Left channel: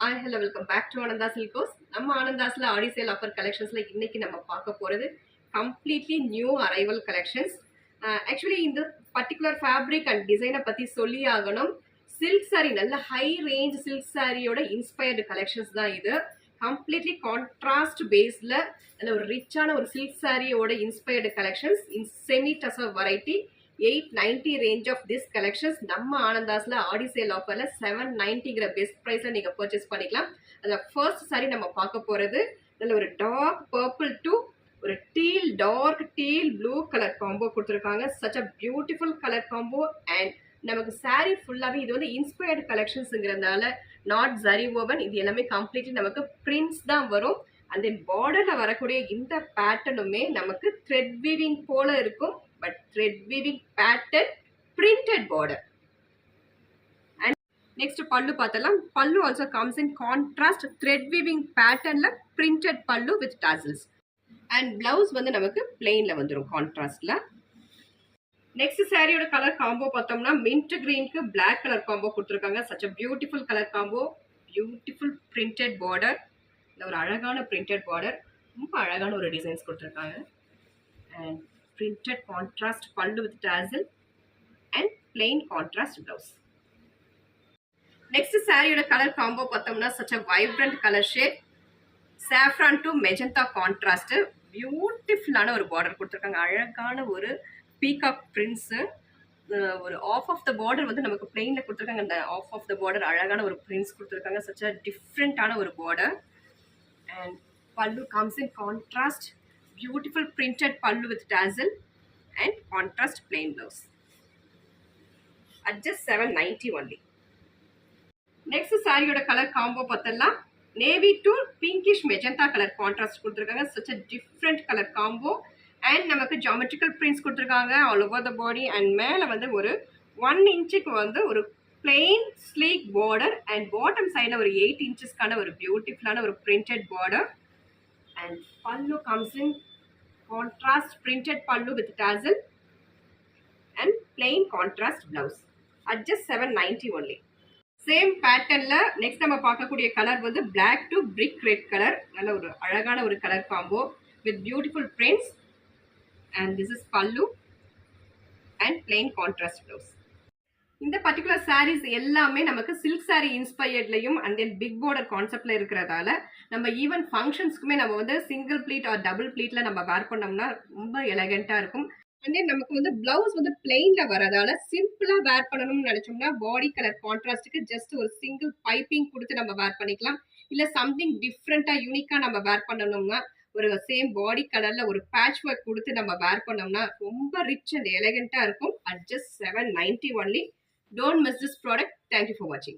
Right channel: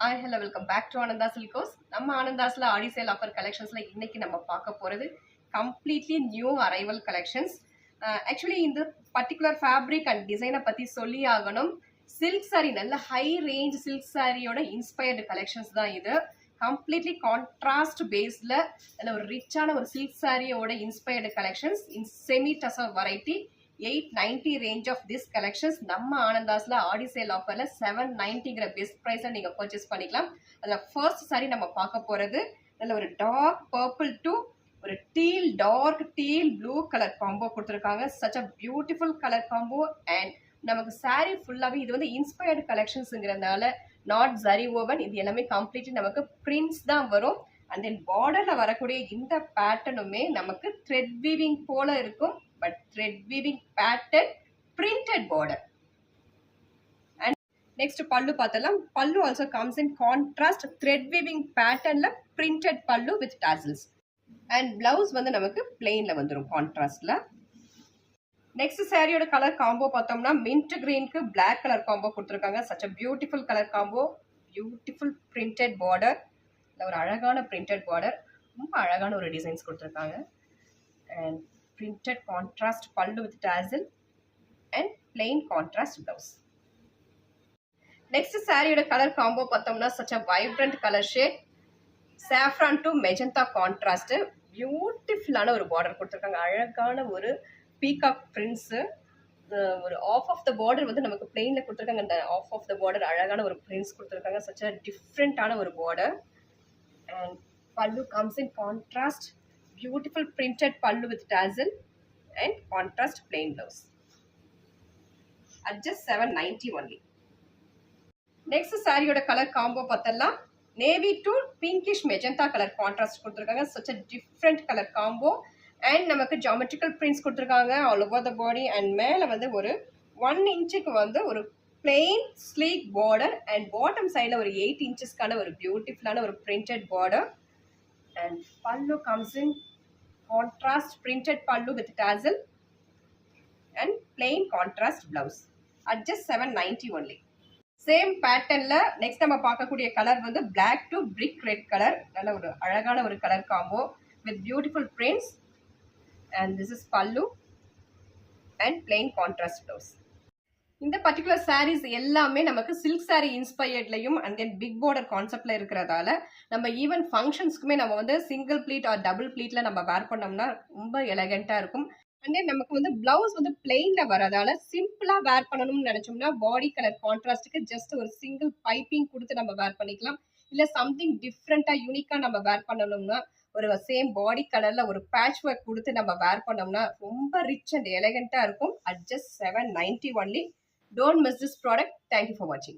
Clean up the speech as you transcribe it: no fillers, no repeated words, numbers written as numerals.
Hi hello welcome back to Anandha silks. நம்ம ஆனந்தாஸ்ல ஆடி sale offer கலெக்ஷன்ஸ்ல இன்னைக்கு நம்ம பார்க்க போறது completely new arrival collections. Actually இந்த பர்டிகுலர் ஃபேப்ரிக் அண்ட் டிசைனை பத்தி சொல்லி ஆகணும். சில்க் சாரி, நல்ல ஹை ரேஞ்ச் சில்க் சாரியோட இன்ஸ்பயர்டு கலெக்ஷன்ஸ் தான் இது. கம்ப்ளீட்லி கான்ட்ராஸ்ட் பேஸ்ல நல்ல ஒரு ரிச்சான ஒரு சில்க் சாரியோட inspired collections in semi tussar variety. 890 range of this collections நம்ம ஆனந்தாஸ்ல ஆடி சேல் ஆஃபர்ல 790ங்கிற பெஸ்ட் ப்ரைஸ்ல நீங்க பர்ச்சேஸ் பண்ணிக்கலாம். அதுல ஃபர்ஸ்ட் சாரி நம்ம பார்க்க போறது நல்ல ஒரு டார்க் பர்பிள் டு ஒரு teal dark teal blue colour combo கொடுத்துருக்காங்க. Such a beautiful colour combo. And நமக்கு சாரி ஃபுல்லாவே இது வந்து இன்ஸ்பயர்டு கலெக்ஷன்ஸ்ங்கிறதுனால நாட் ஜரி ஓவன், இது எல்லாமே கம்ப்ளீட்லி நமக்கு பிரிண்ட்ஸ் தான் வரும். அண்ட் தென் பார்டர்ல வரக்கூடிய இந்த பேட்டர்னுமே நமக்கு த்ரெட் வீவிங் போல இருக்கும். But thread weaving pattern printed border. And next pallu paathalam. Pallu also comes in contrast thread weaving pattern la printed pallu with tassels. And blouse vandu namakku plain la vandurum contrast la. Next saree oda color combo pathomna mint green ku black color combo kuduthirukanga. Such a beautiful color combo, beautiful printed border. La oru alagana printed border, romba alagana oru designs kuduthirukanga. And printed contrast pallu with tassel and plain contrast blouse. Next saree oda color combo pathomna such a vibrant color shade, saffron to magenta contrast, beautiful ana oru border kuduthirukanga. Alagana oru peacock prints, ஒரு of of the border வந்து நமக்கு பிளெயின்ல கொடுத்துருக்காங்க. அந்த of of the border அழகான ஒரு prints கொடுத்துருக்காங்க. Such அ டிஃப்ரெண்டான ஒரு பார்டர். அண்ட் பல்லு comes in contrast, beautiful printed pallu with tassel and contrast plain blouse at just 790 only. Next saree oda color combo pathalla navy to pinkish magenta color contrast kuduthirukanga. Such a different color combo. And namakku geometrical prints kuduthirukanga all over the body. And mela vandu oru 1 inch ku vandu oru plain sleek border and bottom side la oru 8 inches kana oru beautiful ana oru printed border. And pallu comes in contrast printed pallu with tassel and plain contrast blouse at just 790 only. Same pattern la next நம்ம பார்க்கக்கூடிய colour வந்து black to brick red color. நல்ல ஒரு அழகான ஒரு colour combo with beautiful prints. And this is pallu and plain contrast blouse. இந்த particular saris எல்லாமே நமக்கு சில்க் சாரி இன்ஸ்பயர்ட்லையும் அண்ட் தென் பிக் பார்டர் கான்செப்ட்ல இருக்கிறதால நம்ம ஈவன் ஃபங்க்ஷன்ஸ்க்குமே நம்ம வந்து சிங்கிள் ப்ளீட் ஆர் டபுள் ப்ளீட்ல நம்ம வேர் பண்ணோம்னா ரொம்ப எலகெண்டா இருக்கும். அண்ட் தென் நமக்கு வந்து பிளவுஸ் வந்து பிளெயின்ல வரதால சிம்பிளா வேர் பண்ணணும்னு நினைச்சோம்னா பாடி கலர் கான்ட்ராஸ்டுக்கு ஜஸ்ட் ஒரு சிங்கிள் பைப்பிங் கொடுத்து நம்ம வேர் பண்ணிக்கலாம். இல்ல சம்திங் டிஃப்ரெண்டா யூனிக்கா நம்ம வேர் பண்ணணும்னா ஒரு சேம் பாடி கலர்ல ஒரு பேட்ச் ஒர்க் கொடுத்து நம்ம வேர் பண்ணோம்னா ரொம்ப ரிச் அண்ட் எலகெண்டா இருக்கும். At just 790 only. Don't miss this product. Thank you for watching.